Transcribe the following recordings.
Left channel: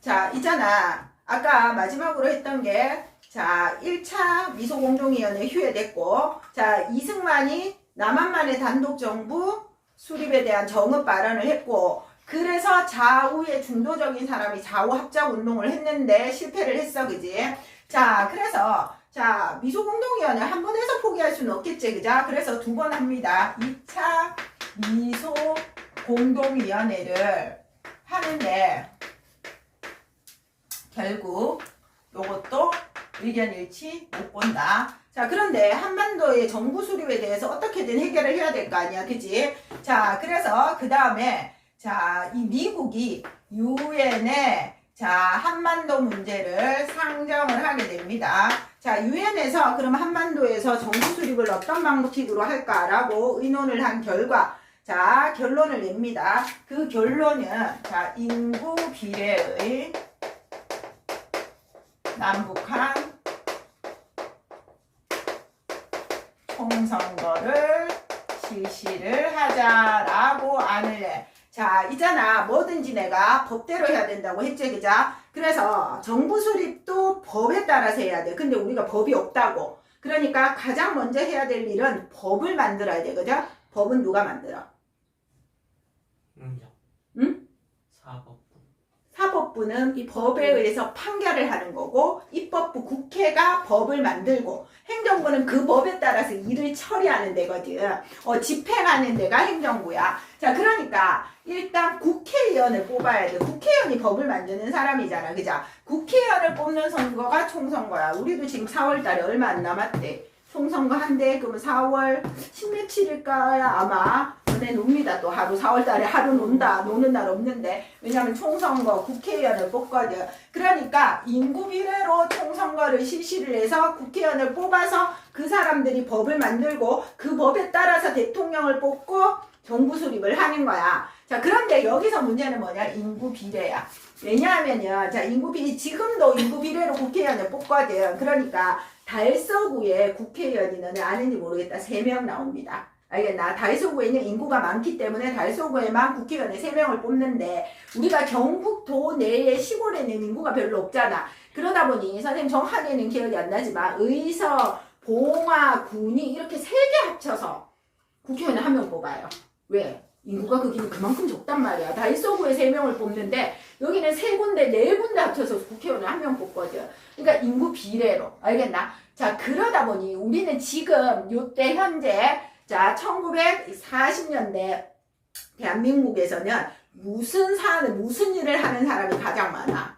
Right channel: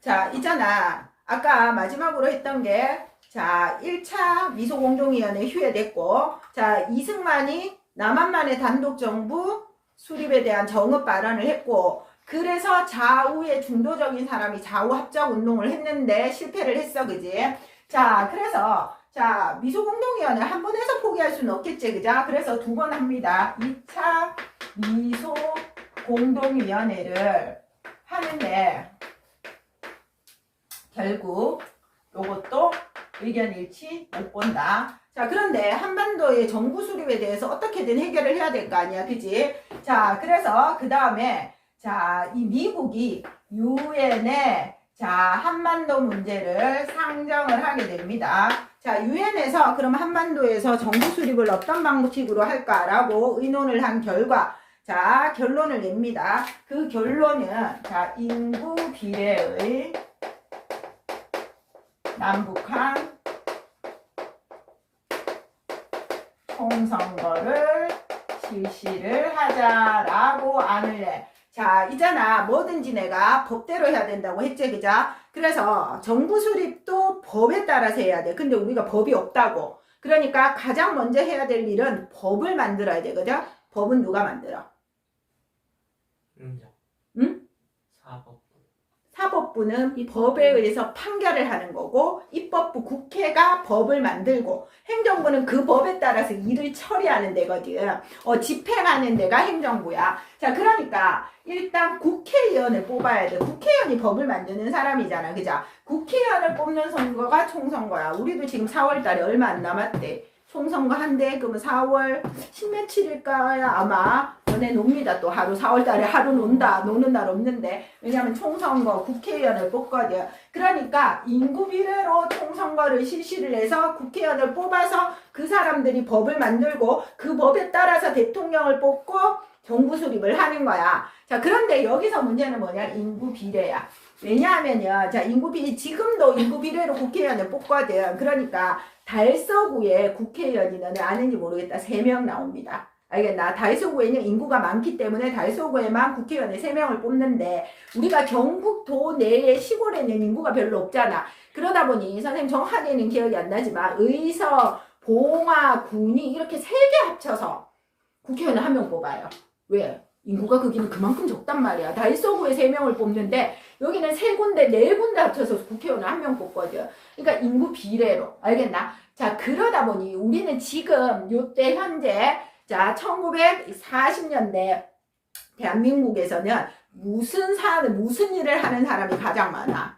자, 있잖아. 아까 마지막으로 했던 게, 자, 1차 미소공동위원회 휴회됐고, 자, 이승만이 남한만의 단독정부 수립에 대한 정읍 발언을 했고, 그래서 좌우의 중도적인 사람이 좌우 합작 운동을 했는데 실패를 했어, 그지? 자, 그래서, 자, 미소공동위원회 한 번 해서 포기할 수는 없겠지, 그죠? 그래서 두 번 합니다. 2차 미소공동위원회를 하는데, 결국 요것도 의견 일치 못 본다. 자, 그런데 한반도의 정부 수립에 대해서 어떻게든 해결을 해야 될 거 아니야, 그지? 자, 그래서 그 다음에 자, 이 미국이 유엔에 자, 한반도 문제를 상정을 하게 됩니다. 자, 유엔에서 그럼 한반도에서 정부 수립을 어떤 방식으로 할까라고 의논을 한 결과, 자, 결론을 냅니다. 그 결론은 자, 인구 비례의 남북한 총선거를 실시를 하자라고 안을 내. 자, 있잖아. 뭐든지 내가 법대로 해야 된다고 했지, 그죠? 그래서 정부 수립도 법에 따라서 해야 돼. 근데 우리가 법이 없다고. 그러니까 가장 먼저 해야 될 일은 법을 만들어야 돼, 그죠? 법은 누가 만들어? 인정. 응? 사법부. 사법부는 이 법에 의해서 판결을 하는 거고, 입법부 국회가 법을 만들고, 행정부는 그 법에 따라서 일을 처리하는 데거든. 집행하는 데가 행정부야. 자, 그러니까 일단 국회의원을 뽑아야 돼. 국회의원이 법을 만드는 사람이잖아, 그죠? 국회의원을 뽑는 선거가 총선거야. 우리도 지금 4월달에 얼마 안 남았대. 총선거 한대. 그러면 4월 10며칠일까야 아마 너네 놉니다. 또 하루 4월달에 하루 논다. 노는 날 없는데, 왜냐면 총선거 국회의원을 뽑거든. 그러니까 인구 비례로 총선거를 실시를 해서 국회의원을 뽑아서 그 사람들이 법을 만들고 그 법에 따라서 대통령을 뽑고 정부 수립을 하는 거야. 자, 그런데 여기서 문제는 뭐냐? 인구 비례야. 왜냐하면요, 자, 인구 비례, 지금도 인구 비례로 국회의원을 뽑거든. 그러니까 달서구에 국회의원이 너네 아는지 모르겠다. 3명 나옵니다. 알겠나? 달서구에는 인구가 많기 때문에 달서구에만 국회의원을 3명을 뽑는데, 우리가 경북도 내의 시골에는 인구가 별로 없잖아. 그러다 보니 선생님 정확하게는 기억이 안 나지만 의서, 봉화, 군이 이렇게 3개 합쳐서 국회의원을 1명 뽑아요. 왜? 인구가 거기는 그만큼 적단 말이야. 달서구에 3명을 뽑는데 여기는 3군데, 4군데 합쳐서 국회의원을 1명 뽑거든. 그러니까 인구 비례로. 알겠나? 자, 그러다 보니 우리는 지금 요때 현재 자, 1940년대 대한민국에서는 무슨 일을 하는 사람이 가장 많아?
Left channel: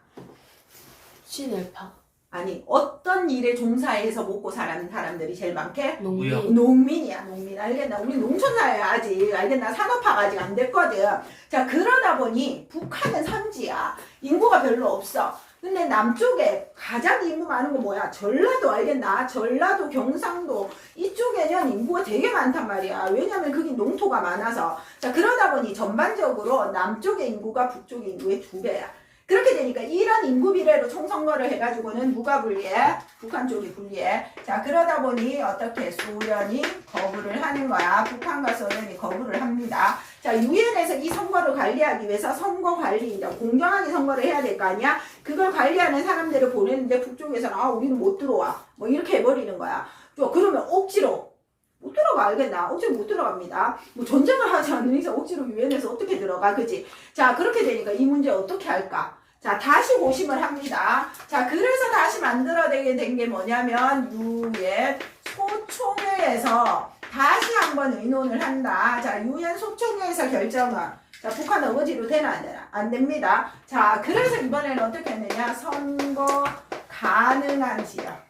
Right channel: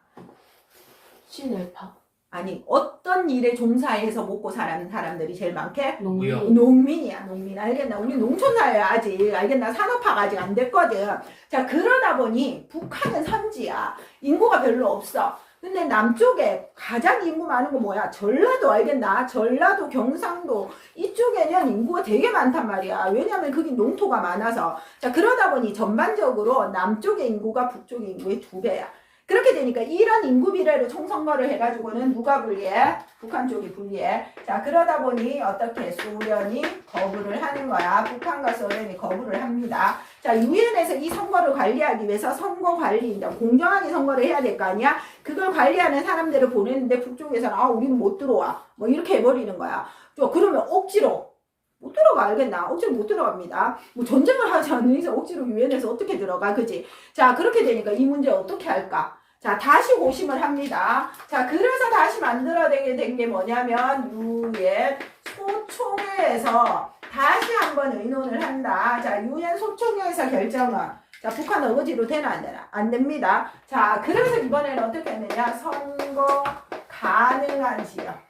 친일파. 아니, 어떤 일에 종사해서 먹고 사는 사람들이 제일 많게? 무역. 농민이야, 농민. 알겠나? 우리 농촌사회야, 아직. 알겠나? 산업화가 아직 안 됐거든. 자, 그러다 보니 북한은 산지야. 인구가 별로 없어. 근데 남쪽에 가장 인구 많은 거 뭐야? 전라도, 알겠나? 전라도, 경상도 이쪽에는 인구가 되게 많단 말이야. 왜냐면 그게 농토가 많아서. 자, 그러다 보니 전반적으로 남쪽의 인구가 북쪽의 인구의 2배야. 그렇게 되니까 이런 인구 비례로 총선거를 해가지고는 누가 불리해? 북한 쪽이 불리해. 자, 그러다 보니 어떻게 소련이 거부를 하는 거야. 북한과 소련이 거부를 합니다. 자, 유엔에서 이 선거를 관리하기 위해서 선거 관리, 공정하게 선거를 해야 될 거 아니야? 그걸 관리하는 사람들을 보내는데 북쪽에서는 우리는 못 들어와. 뭐 이렇게 해버리는 거야. 그러면 억지로 못 들어가. 알겠나? 억지로 못 들어갑니다. 뭐 전쟁을 하지 않는 이상 억지로 유엔에서 어떻게 들어가, 그지? 자, 그렇게 되니까 이 문제 어떻게 할까? 자, 다시 고심을 합니다. 자, 그래서 다시 만들어내게 된 게 뭐냐면 유엔 소총회에서 다시 한번 의논을 한다. 자, 유엔 소총회에서 결정은 자, 북한 어거지로 되나 안 되나? 안 됩니다. 자, 그래서 이번에는 어떻게 했느냐? 선거 가능한 지역.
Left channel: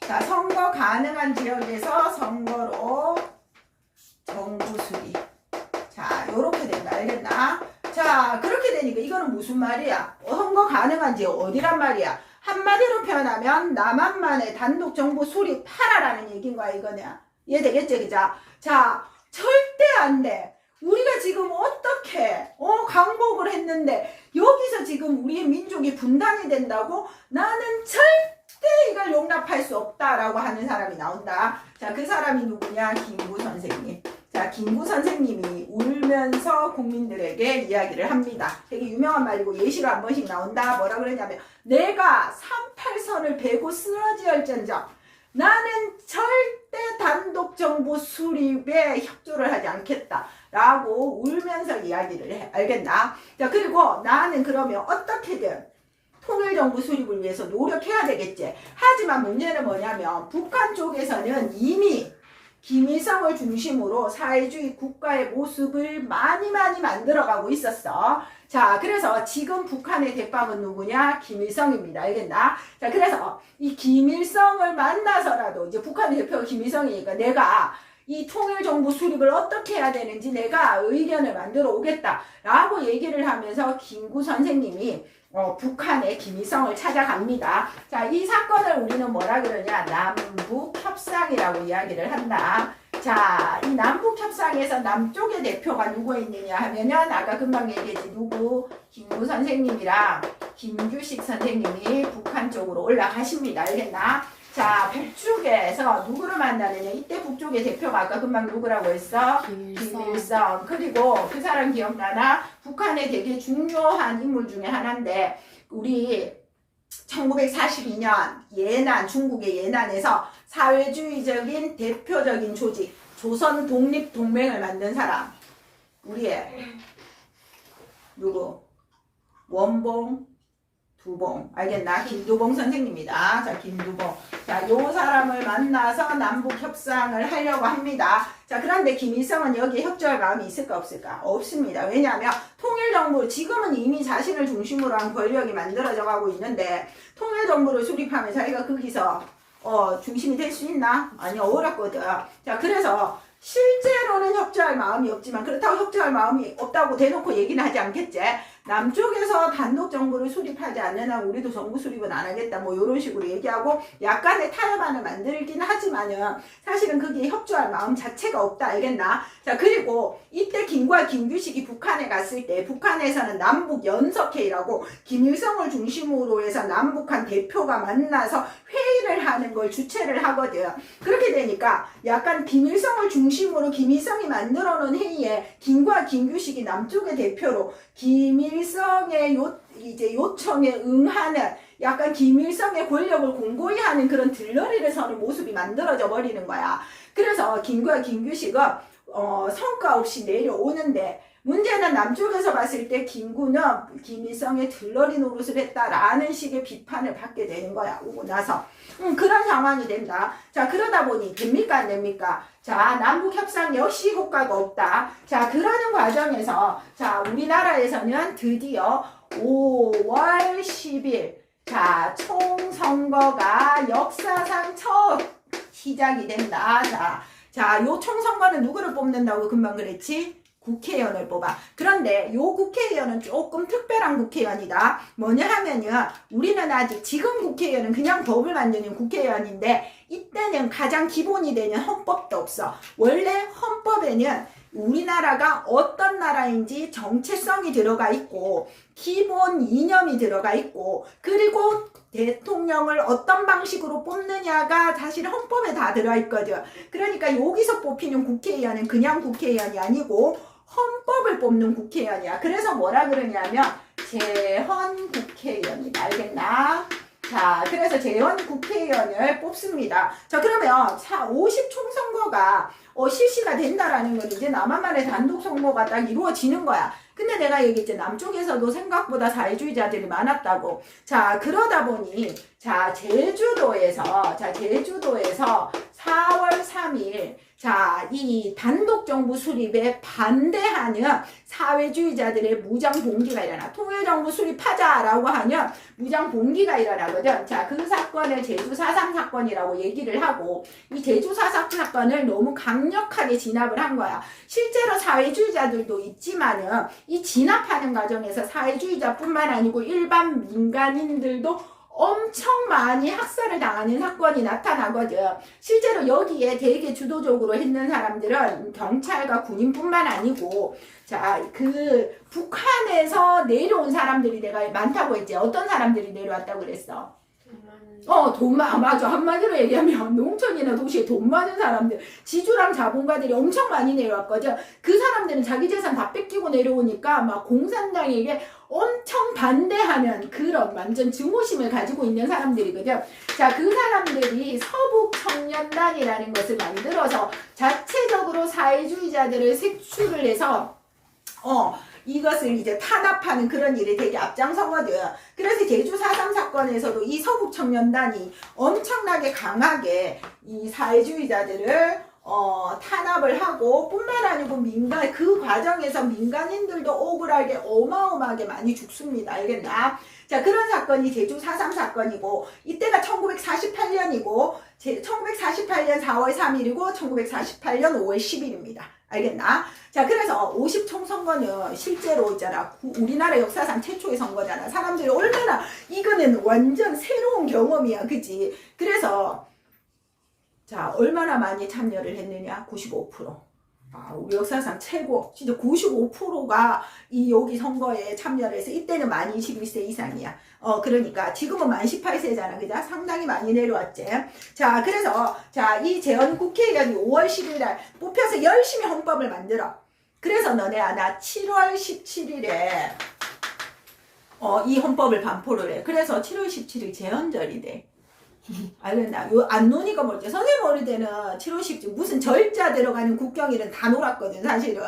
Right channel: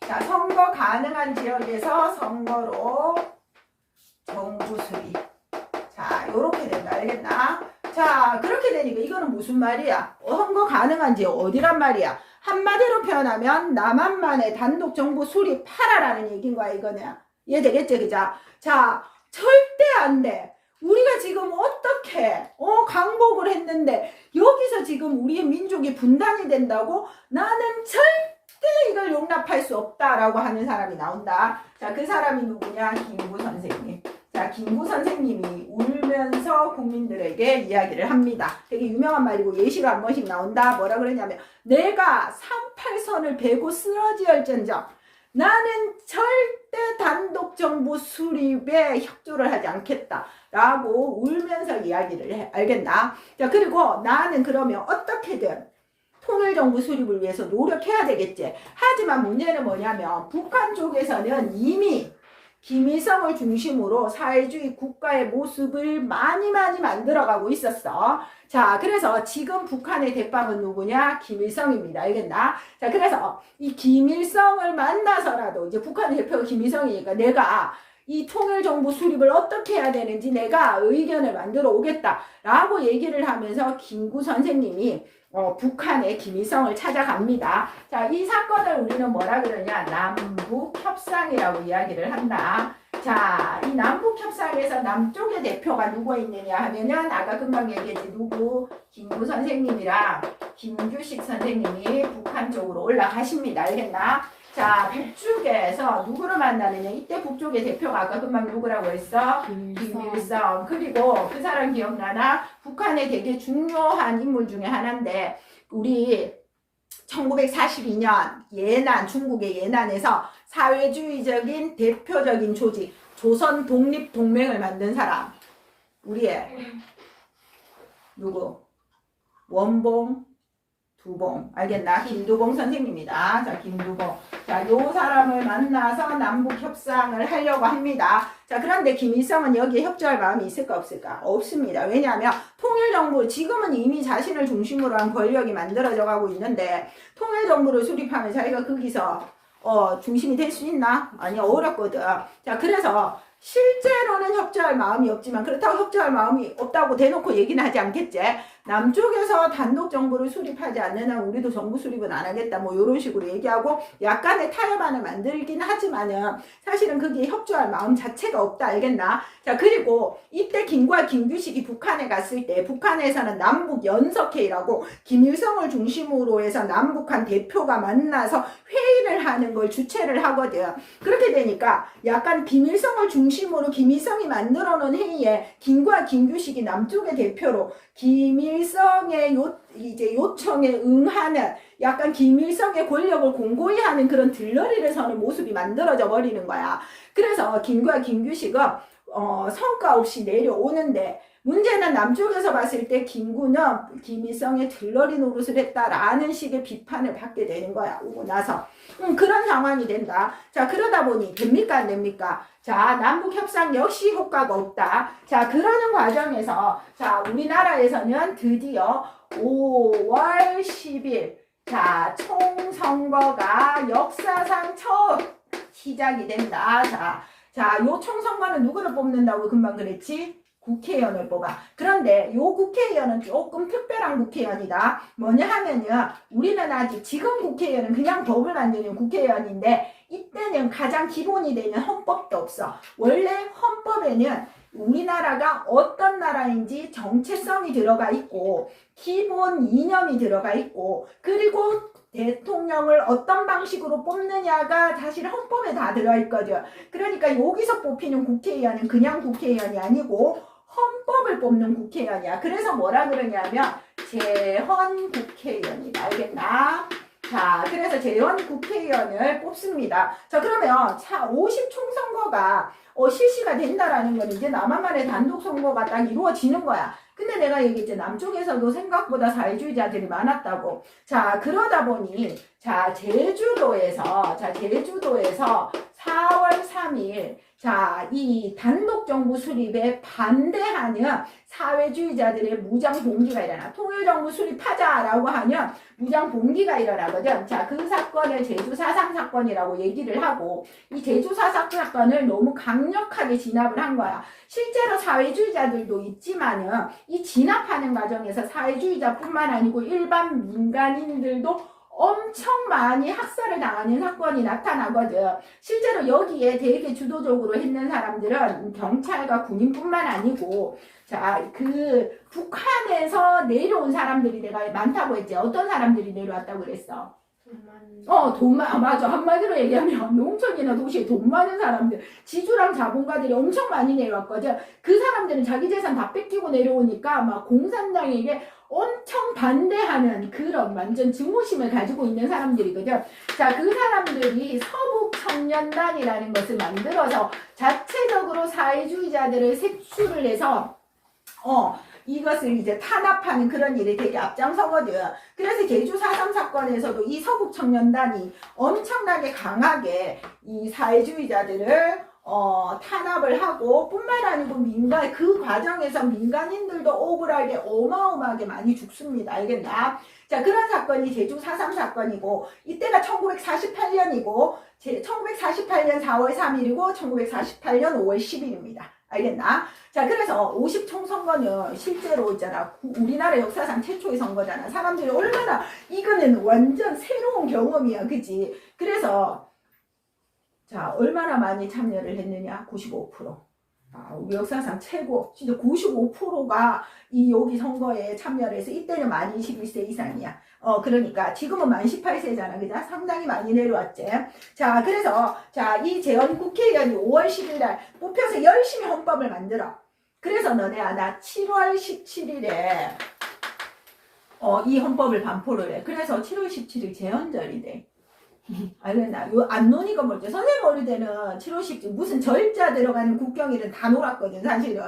자, 선거 가능한 지역에서 선거로 정부 수립. 자, 요렇게 된다. 알겠나? 자, 그렇게 되니까 이거는 무슨 말이야? 선거 가능한 지역 어디란 말이야? 한마디로 표현하면 남한만의 단독 정부 수립하라라는 얘기인 거야, 이거는. 이해되겠지, 그죠? 자, 절대 안 돼. 우리가 지금 어떻게 강복을 했는데 여기서 지금 우리의 민족이 분단이 된다고? 나는 절대 이걸 용납할 수 없다라고 하는 사람이 나온다. 자, 그 사람이 누구냐? 김구 선생님. 자, 자, 김구 선생님이 울면서 국민들에게 이야기를 합니다. 되게 유명한 말이고 예시로 한 번씩 나온다. 뭐라 그러냐면 내가 38선을 베고 쓰러지할전정 나는 절대 단독 정부 수립에 협조를 하지 않겠다. 라고 울면서 이야기를 해. 알겠나? 자, 그리고 나는 그러면 어떻게든 통일정부 수립을 위해서 노력해야 되겠지. 하지만 문제는 뭐냐면 북한 쪽에서는 이미 김일성을 중심으로 사회주의 국가의 모습을 많이 만들어가고 있었어. 자, 그래서 지금 북한의 대빵은 누구냐? 김일성입니다. 알겠나? 자, 그래서 이 김일성을 만나서라도 이제 북한의 대표가 김일성이니까 내가 이 통일정부 수립을 어떻게 해야 되는지 내가 의견을 만들어 오겠다라고 얘기를 하면서 김구 선생님이 북한의 김일성을 찾아갑니다. 자, 이 사건을 우리는 뭐라 그러냐? 남북협상이라고 이야기를 한다. 자, 이 남북협상에서 남쪽의 대표가 누구 있느냐 하면은 아까 금방 얘기했지. 누구? 김구 선생님이랑 김규식 선생님이 북한 쪽으로 올라가십니다. 알겠나? 자, 북쪽에서 누구를 만나느냐? 이때 북쪽의 대표가 아까 금방 누구라고 했어? 김일성. 그리고 그 사람 기억나나? 북한의 되게 중요한 인물 중에 하나인데 우리 1942년 예난, 중국의 예난에서 사회주의적인 대표적인 조직 조선 독립동맹을 만든 사람 우리의 누구? 원봉, 두봉. 알겠나? 김두봉 선생님이다. 자, 김두봉. 자, 요 사람을 만나서 남북 협상을 하려고 합니다. 자, 그런데 김일성은 여기에 협조할 마음이 있을까 없을까? 없습니다. 왜냐하면 통일정부 지금은 이미 자신을 중심으로 한 권력이 만들어져 가고 있는데 통일정부를 수립하면 자기가 거기서 중심이 될 수 있나? 아니, 어렵거든. 자, 그래서 실제로는 협조할 마음이 없지만 그렇다고 협조할 마음이 없다고 대놓고 얘기는 하지 않겠지. 남쪽에서 단독 정부를 수립하지 않는 한 우리도 정부 수립은 안 하겠다 뭐 이런 식으로 얘기하고 약간의 타협안을 만들긴 하지만은 사실은 그게 협조할 마음 자체가 없다. 알겠나? 자, 그리고 이때 김구와 김규식이 북한에 갔을 때 북한에서는 남북 연석회의라고 김일성을 중심으로 해서 남북한 대표가 만나서 회의를 하는 걸 주최를 하거든. 그렇게 되니까 약간 김일성을 중심으로 김일성이 만들어 놓은 회의에 김구와 김규식이 남쪽의 대표로 김일성의 이제 요청에 응하는 약간 김일성의 권력을 공고히 하는 그런 들러리를 서는 모습이 만들어져 버리는 거야. 그래서 김구와 김규식은 성과 없이 내려오는데 문제는 남쪽에서 봤을 때 김구는 김일성의 들러리 노릇을 했다라는 식의 비판을 받게 되는 거야. 오고 나서 그런 상황이 된다. 자, 그러다 보니 됩니까 안 됩니까? 자, 남북협상 역시 효과가 없다. 자, 그러는 과정에서 자, 우리나라에서는 드디어 5월 10일 자, 총선거가 역사상 처음 시작이 된다. 자, 요 총선거는 누구를 뽑는다고 금방 그랬지? 국회의원을 뽑아. 그런데 요 국회의원은 조금 특별한 국회의원이다. 뭐냐 하면요. 우리는 아직 지금 국회의원은 그냥 법을 만드는 국회의원인데 이때는 가장 기본이 되는 헌법도 없어. 원래 헌법에는 우리나라가 어떤 나라인지 정체성이 들어가 있고 기본 이념이 들어가 있고 그리고 대통령을 어떤 방식으로 뽑느냐가 사실 헌법에 다 들어있거든. 그러니까 여기서 뽑히는 국회의원은 그냥 국회의원이 아니고 헌법을 뽑는 국회의원이야. 그래서 뭐라 그러냐면 재헌 국회의원이다. 알겠나? 자, 그래서 재헌 국회의원을 뽑습니다. 자, 그러면 50 총선거가 실시가 된다라는 건 이제 남한만의 단독 선거가 딱 이루어지는 거야. 근데 내가 얘기했지 남쪽에서도 생각보다 사회주의자들이 많았다고. 자, 그러다 보니 제주도에서 4월 3일 이 단독 정부 수립에 반대하는 사회주의자들의 무장 봉기가 일어나. 통일정부 수립하자라고 하면 무장 봉기가 일어나거든. 자, 그 사건을 제주 4.3 사건이라고 얘기를 하고 이 제주 4.3 사건을 너무 강력하게 진압을 한 거야. 실제로 사회주의자들도 있지만은 이 진압하는 과정에서 사회주의자뿐만 아니고 일반 민간인들도 엄청 많이 학살을 당하는 사건이 나타나거든. 실제로 여기에 되게 주도적으로 했는 사람들은 경찰과 군인뿐만 아니고 그 북한에서 내려온 사람들이 내가 많다고 했지. 어떤 사람들이 내려왔다고 그랬어? 맞아. 한마디로 얘기하면 농촌이나 도시에 돈 많은 사람들, 지주랑 자본가들이 엄청 많이 내려왔거든. 그 사람들은 자기 재산 다 뺏기고 내려오니까 막 공산당에게 엄청 반대하는 그런 완전 증오심을 가지고 있는 사람들이거든. 자, 그 사람들이 서북청년단이라는 것을 만들어서 자체적으로 사회주의자들을 색출을 해서 이것을 이제 탄압하는 그런 일이 되게 앞장서거든. 그래서 제주 4.3 사건에서도 이 서북청년단이 엄청나게 강하게 이 사회주의자들을 탄압을 하고 뿐만 아니고 그 과정에서 민간인들도 억울하게 어마어마하게 많이 죽습니다. 알겠나? 자, 그런 사건이 제주 4.3 사건이고 이때가 1948년이고 1948년 4월 3일이고 1948년 5월 10일입니다. 알겠나? 자, 그래서 50총 선거는 실제로 있잖아. 우리나라 역사상 최초의 선거잖아. 사람들이 얼마나 이거는 완전 새로운 경험이야. 그치? 그래서 자, 얼마나 많이 참여를 했느냐? 95%. 우리 역사상 최고. 진짜 95%가 여기 선거에 참여를 해서 이때는 만 21세 이상이야. 그러니까 지금은 만 18세잖아. 그죠? 상당히 많이 내려왔지. 자, 그래서 이 재헌 국회의원이 5월 10일 날 뽑혀서 열심히 헌법을 만들어. 그래서 너네 아나 7월 17일에 이 헌법을 반포를 해. 그래서 7월 17일 재헌절이 돼. 알겠나? 요 안논이가 뭐지? 선생님 어릴 때는 7월 17일 무슨 절자 들어가는 국경일은 다 놀았거든 사실은.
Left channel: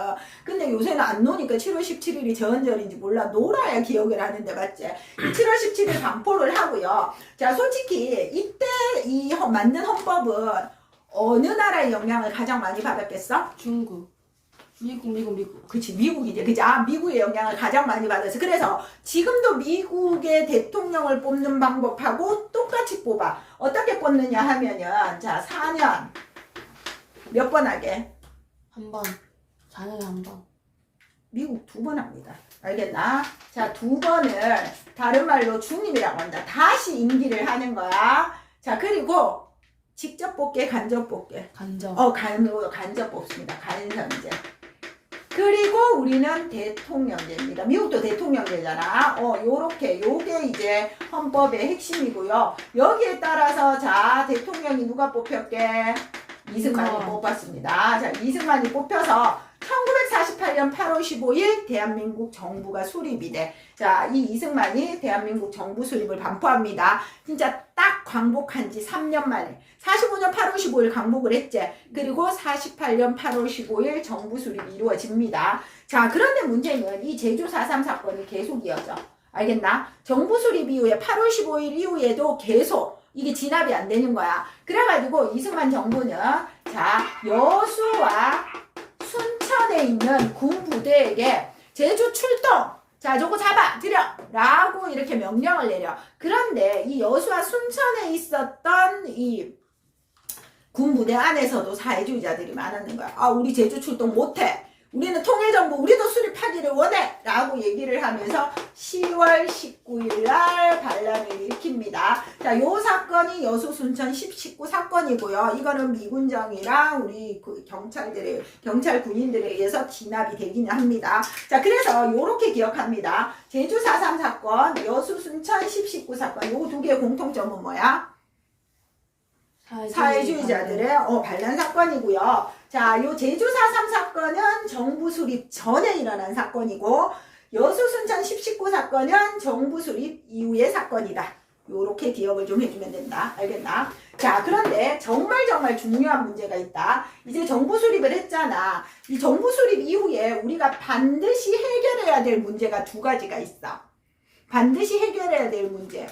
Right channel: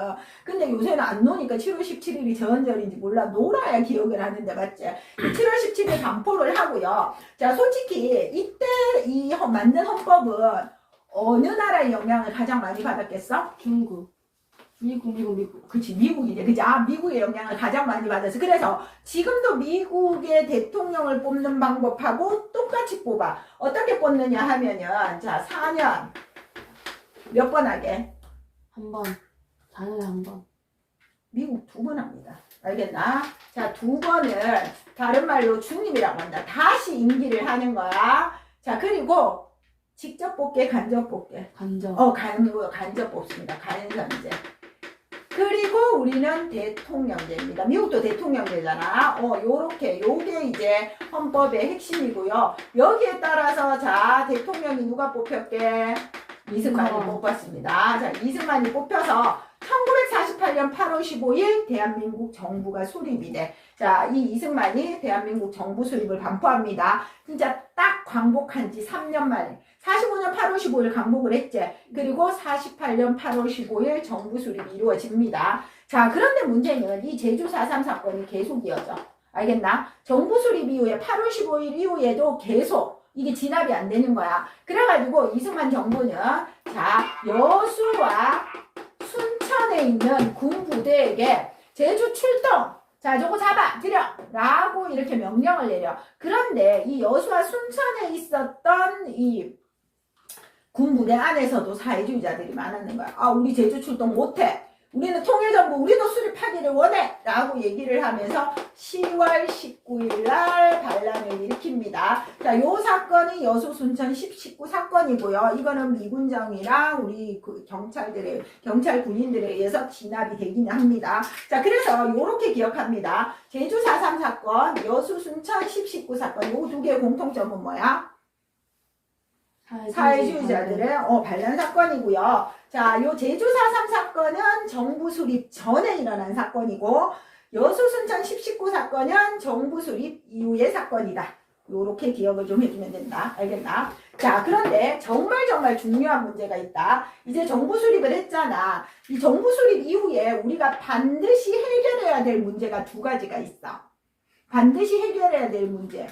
근데 요새는 안 노니까 7월 17일이 재헌절인지 몰라. 놀아야 기억을 하는데 맞지? 7월 17일 반포를 하고요. 자, 솔직히 이때 만든 헌법은 어느 나라의 영향을 가장 많이 받았겠어? 중국. 미국. 그치, 미국이지. 그치? 미국의 영향을 가장 많이 받았어. 그래서 지금도 미국의 대통령을 뽑는 방법하고 똑같이 뽑아. 어떻게 뽑느냐 하면은, 자, 4년. 몇 번 하게? 한 번. 4년에 한 번. 미국 2번 합니다. 알겠나? 자, 2번을 다른 말로 중임이라고 한다. 다시 임기를 하는 거야. 자, 그리고 직접 뽑게, 간접 뽑게. 간접. 간접 뽑습니다. 간선제. 그리고 우리는 대통령제입니다. 미국도 대통령제잖아. 요게 이제 헌법의 핵심이고요. 여기에 따라서 자, 대통령이 누가 뽑혔게? 이승만이 뽑았습니다. 자, 이승만이 뽑혀서 1948년 8월 15일 대한민국 정부가 수립이 돼. 자, 이 이승만이 대한민국 정부 수립을 반포합니다. 진짜 딱 광복한 지 3년 만에. 45년 8월 15일 광복을 했지. 그리고 48년 8월 15일 정부 수립이 이루어집니다. 자, 그런데 문제는 이 제주 4.3 사건이 계속 이어져. 알겠나? 정부 수립 이후에 8월 15일 이후에도 계속 이게 진압이 안 되는 거야. 그래가지고 이승만 정부는 자, 여수와 순천에 있는 군 부대에게 제주 출동! 자, 저거 잡아! 들여! 라고 이렇게 명령을 내려. 그런데 이 여수와 순천에 있었던 이 군부대 안에서도 사회주의자들이 많았는 거야. 우리 제주 출동 못해. 우리는 통일정부, 우리도 수립하기를 원해! 라고 얘기를 하면서 10월 19일 날 반란을 일으킵니다. 자, 요 사건이 여수 순천 1019 사건이고요. 이거는 미군정이랑 우리 경찰 군인들에 의해서 진압이 되긴 합니다. 자, 그래서 요렇게 기억합니다. 제주 4.3 사건, 여수 순천 1019 사건, 요 두 개의 공통점은 뭐야? 사회주의자들의 반란 사건이고요. 자, 요 제주 4.3 사건은 정부 수립 전에 일어난 사건이고 여수 순천 1019 사건은 정부 수립 이후의 사건이다. 요렇게 기억을 좀 해주면 된다. 알겠나? 자, 그런데 정말 중요한 문제가 있다. 이제 정부 수립을 했잖아. 이 정부 수립 이후에 우리가 반드시 해결해야 될 문제가 2가지가 있어. 반드시 해결해야 될 문제.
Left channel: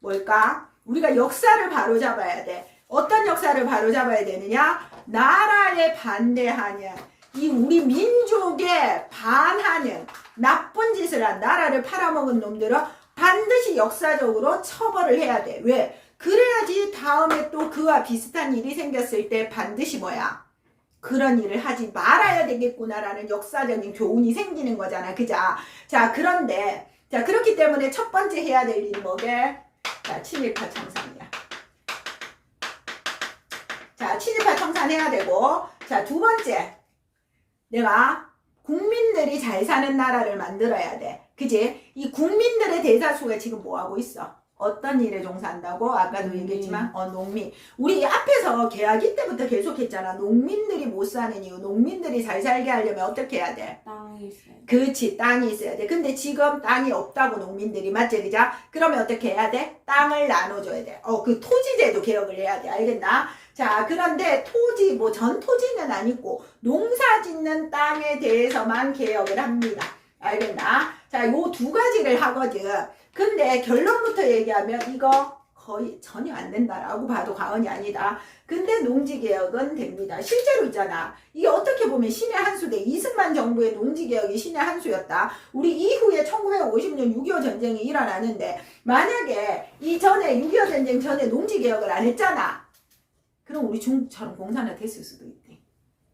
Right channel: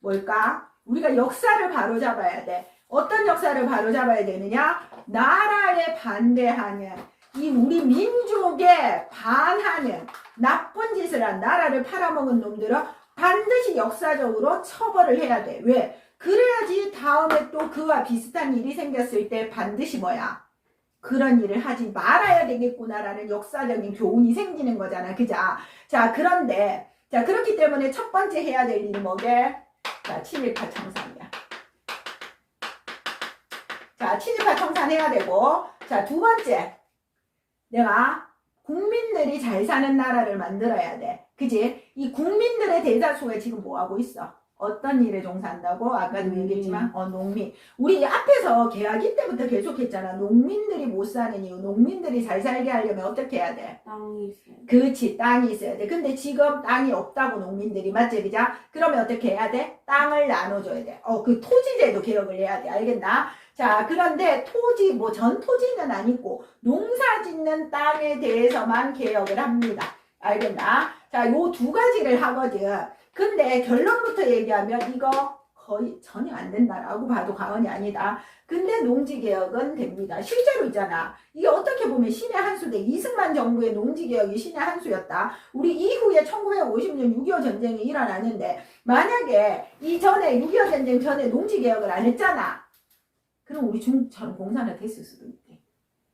뭘까? 우리가 역사를 바로잡아야 돼. 어떤 역사를 바로잡아야 되느냐? 나라에 반대하는, 이 우리 민족에 반하는 나쁜 짓을 한 나라를 팔아먹은 놈들은 반드시 역사적으로 처벌을 해야 돼. 왜? 그래야지 다음에 또 그와 비슷한 일이 생겼을 때 반드시 뭐야? 그런 일을 하지 말아야 되겠구나라는 역사적인 교훈이 생기는 거잖아. 그죠? 자, 그런데, 자, 그렇기 때문에 첫 번째 해야 될 일이 뭐게? 자, 친일파 청산이야. 자, 친일파 청산해야 되고, 자, 2번째. 내가 국민들이 잘 사는 나라를 만들어야 돼. 그지? 이 국민들의 대다수가 지금 뭐 하고 있어? 어떤 일에 종사한다고? 아까도 농민. 얘기했지만 농민. 우리 앞에서 계약일 때부터 계속했잖아. 농민들이 못 사는 이유. 농민들이 잘 살게 하려면 어떻게 해야 돼? 땅이 있어요. 그렇지, 땅이 있어야 돼. 근데 지금 땅이 없다고 농민들이, 맞지, 그죠? 그러면 어떻게 해야 돼? 땅을 나눠줘야 돼. 그 토지제도 개혁을 해야 돼. 알겠나? 자, 그런데 토지, 뭐 전 토지는 아니고 농사 짓는 땅에 대해서만 개혁을 합니다. 알겠나? 자, 요 두 가지를 하거든. 근데 결론부터 얘기하면 이거 거의 전혀 안 된다라고 봐도 과언이 아니다. 근데 농지개혁은 됩니다. 실제로 있잖아. 이게 어떻게 보면 신의 한 수대. 이승만 정부의 농지개혁이 신의 한 수였다. 우리 이후에 1950년 6.25 전쟁이 일어나는데 만약에 이전에 6.25 전쟁 전에 농지개혁을 안 했잖아. 그럼 우리 중국처럼 공산화 됐을 수도 있대.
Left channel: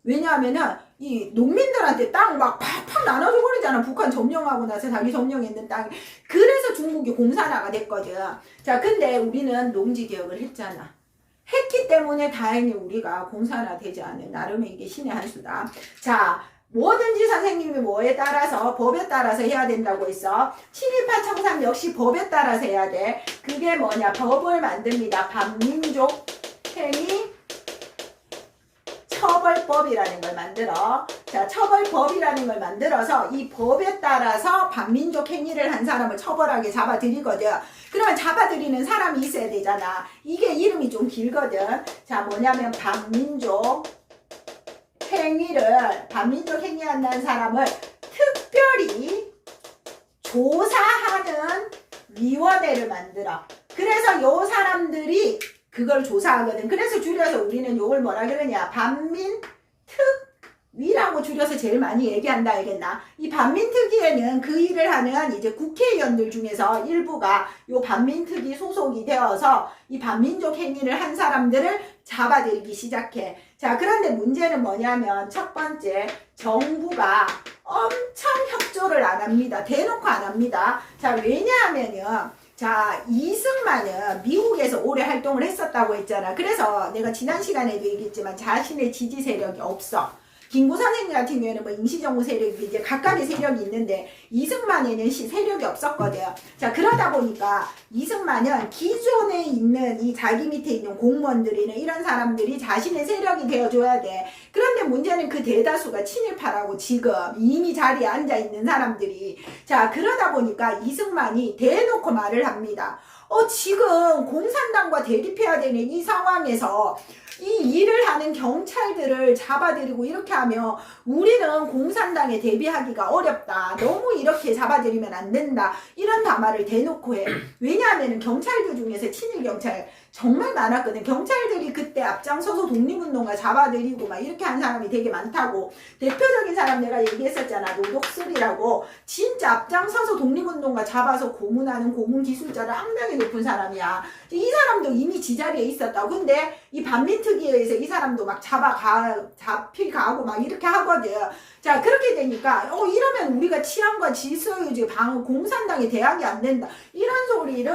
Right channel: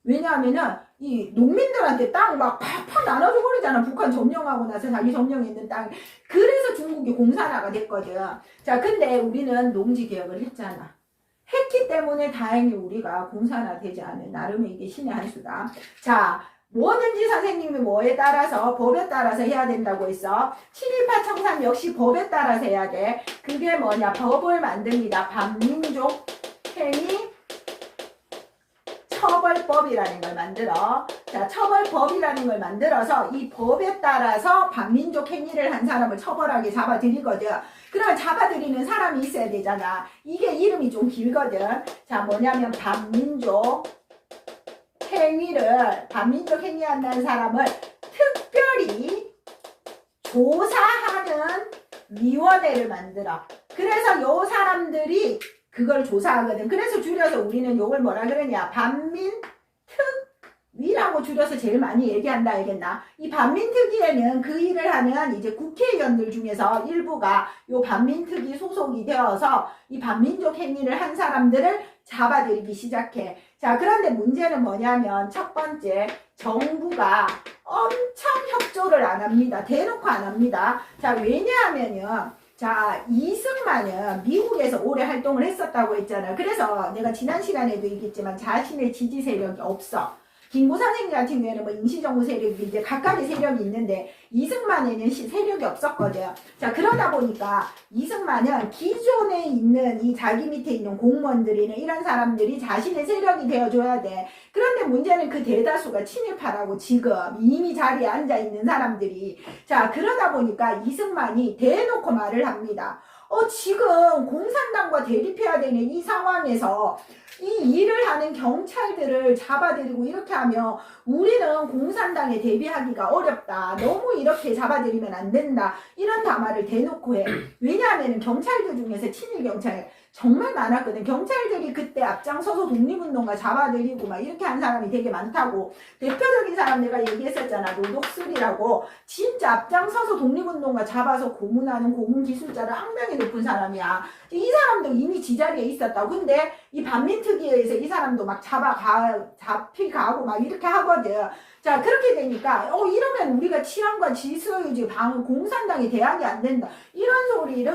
왜냐하면은 이 농민들한테 땅 막 팍팍 나눠줘 버리잖아. 북한 점령하고 나서 자기 점령했는 땅이. 그래서 중국이 공산화가 됐거든. 자, 근데 우리는 농지개혁을 했잖아. 했기 때문에 다행히 우리가 공산화 되지 않은 나름의 이게 신의 한 수다. 자, 뭐든지 선생님이 뭐에 따라서 법에 따라서 해야 된다고 했어. 친일파 청산 역시 법에 따라서 해야 돼. 그게 뭐냐? 법을 만듭니다. 반민족 행위 처벌법이라는 걸 만들어. 자, 처벌법이라는 걸 만들어서 이 법에 따라서 반민족 행위를 한 사람을 처벌하게 잡아들이거든. 그러면 잡아들이는 사람이 있어야 되잖아. 이게 이름이 좀 길거든. 자, 뭐냐면 반민족 행위한다는 사람을 특별히 조사하는 위원회를 만들어. 그래서 요 사람들이 그걸 조사하거든. 그래서 줄여서 우리는 요걸 뭐라 그러냐? 반민특위라고 줄여서 제일 많이 얘기한다. 알겠나? 이 반민특위에는 그 일을 하는 이제 국회의원들 중에서 일부가 요 반민특위 소속이 되어서 이 반민족 행위를 한 사람들을 잡아들이기 시작해. 자, 그런데 문제는 뭐냐면 첫 번째, 정부가 엄청 협조를 안 합니다. 대놓고 안 합니다. 자, 왜냐하면요. 자, 이승만은 미국에서 오래 활동을 했었다고 했잖아. 그래서 내가 지난 시간에도 얘기했지만 자신의 지지 세력이 없어. 김구 선생님 같은 경우에는 뭐 임시정부 세력이 이제 각각의 세력이 있는데 이승만에는 세력이 없었거든. 자, 그러다 보니까 이승만은 기존에 있는 이 자기 밑에 있는 공무원들이나 이런 사람들이 자신의 세력이 되어줘야 돼. 그런데 문제는 그 대다수가 친일파라고 지금 이미 자리에 앉아있는 사람들이. 자, 그러다 보니까 이승만이 대놓고 말을 합니다. 지금 공산당과 대립해야 되는 이 상황에서 이 일을 하는 경찰들을 잡아들이고 이렇게 하면 우리는 공산당에 대비하기가 어렵다. 너무 이렇게 잡아들이면 안 된다. 이런 담화를 대놓고 해. 왜냐하면 경찰들 중에서 친일 경찰 정말 많았거든. 경찰들이 그때 앞장서서 독립운동가 잡아들이고 막 이렇게 한 사람이 되게 많다고. 대표적인 사람 내가 얘기했었잖아. 노덕술이라고. 진짜 앞장서서 독립운동가 잡아서 고문하는 고문기술자를 악명이 높은 사람이야. 이 사람도 이미 지자리에 있었다고. 근데 이 반민특위에 의해서 이 사람도 막 잡히가고 막 이렇게 하거든. 자, 그렇게 되니까 이러면 우리가 치안과 질서유지 방 공산당에 대항이 안 된다. 이런 소리를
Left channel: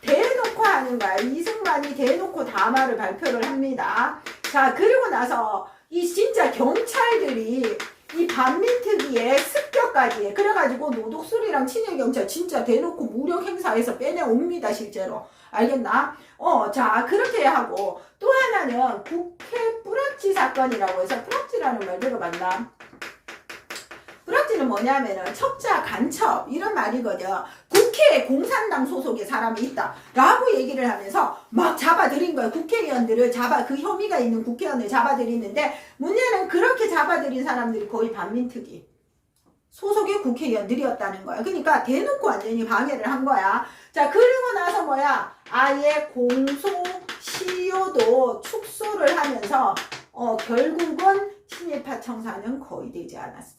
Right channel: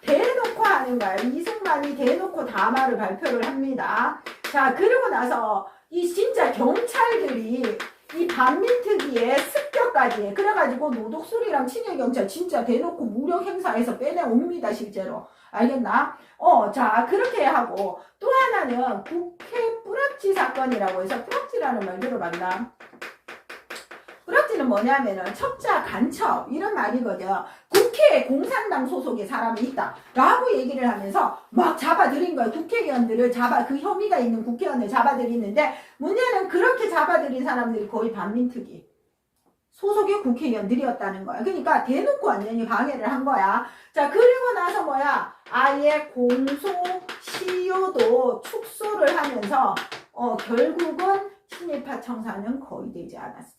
대놓고 하는 거야. 이승만이 대놓고 담화를 발표를 합니다. 자, 그리고 나서 이 진짜 경찰들이 이 반민특위에 습격까지 해. 그래가지고 노독술이랑 친일경찰 진짜 대놓고 무력 행사해서 빼내옵니다. 실제로. 알겠나? 자, 그렇게 하고 또 하나는 국회 뿌락지 사건이라고 해서 뿌락지라는 말 들어봤나? 뿌락지는 뭐냐면은 첩자 간첩 이런 말이거든. 국회에 공산당 소속의 사람이 있다 라고 얘기를 하면서 막 잡아들인 거야. 국회의원들을 그 혐의가 있는 국회의원을 잡아들이는데 문제는 그렇게 잡아들인 사람들이 거의 반민특위 소속의 국회의원들이었다는 거야. 그러니까 대놓고 완전히 방해를 한 거야. 자, 그리고 나서 뭐야? 아예 공소시효도 축소를 하면서 결국은 친일파 청산은 거의 되지 않았어.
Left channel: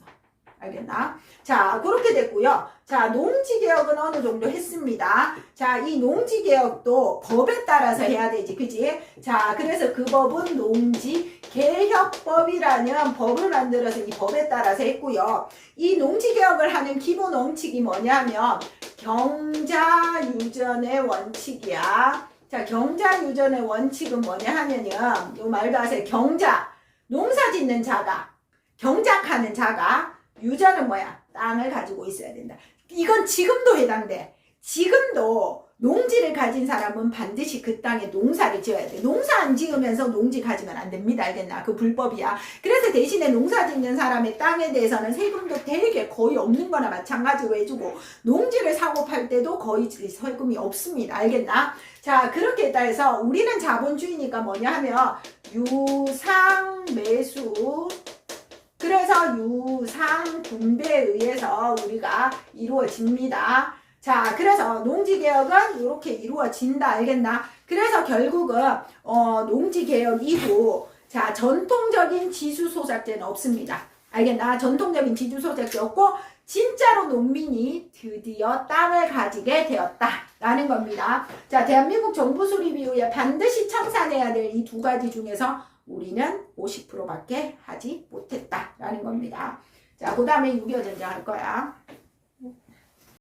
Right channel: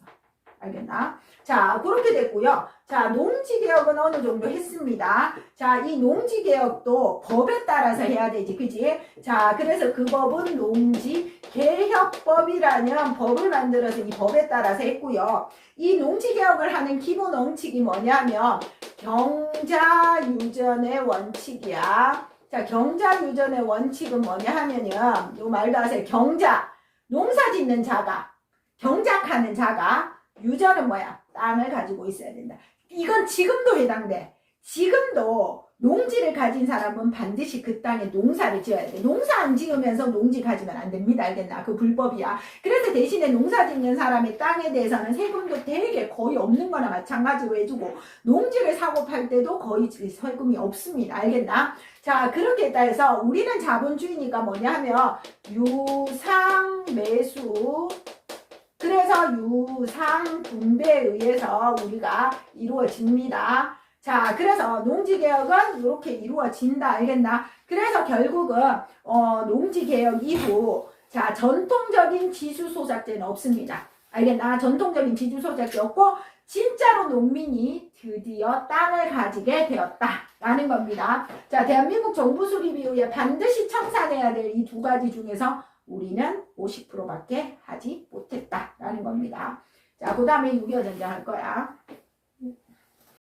알겠나? 자, 그렇게 됐고요. 자, 농지개혁은 어느 정도 했습니다. 자, 이 농지개혁도 법에 따라서 해야 되지, 그지? 자, 그래서 그 법은 농지개혁법이라는 법을 만들어서 이 법에 따라서 했고요. 이 농지개혁을 하는 기본 원칙이 뭐냐면 경자유전의 원칙이야. 자, 경자유전의 원칙은 뭐냐 하면요. 요 말도 아세요. 경자, 농사 짓는 자가, 경작하는 자가, 유전은 뭐야? 땅을 가지고 있어야 된다. 이건 지금도 해당돼. 지금도 농지를 가진 사람은 반드시 그 땅에 농사를 지어야 돼. 농사 안 지으면서 농지 가지면 안 됩니다. 알겠나? 그 불법이야. 그래서 대신에 농사 짓는 사람의 땅에 대해서는 세금도 되게 거의 없는 거나 마찬가지로 해주고, 농지를 사고 팔 때도 거의 세금이 없습니다. 알겠나? 자, 그렇게 해서 우리는 자본주의니까 뭐냐 하면 유상 매수, 그래서 유상 분배에 의해서 우리가 이루어집니다. 자, 그래서 농지개혁은 이렇게 이루어진다. 알겠나? 그래서 결국은 농지개혁 이후 자, 전통적인 지주소작제는 없습니다. 알겠나? 전통적인 지주소작제 없고 진짜로 농민이 드디어 땅을 가지게 되었다라는 겁니다. 자, 대한민국 정부 수립 이후에 반드시 청산해야 될 이 두 가지 중에서 우리는 50%밖에 하지 못했다라는 겁니다. 자, 그 다음에 6.25 전쟁 할 거야.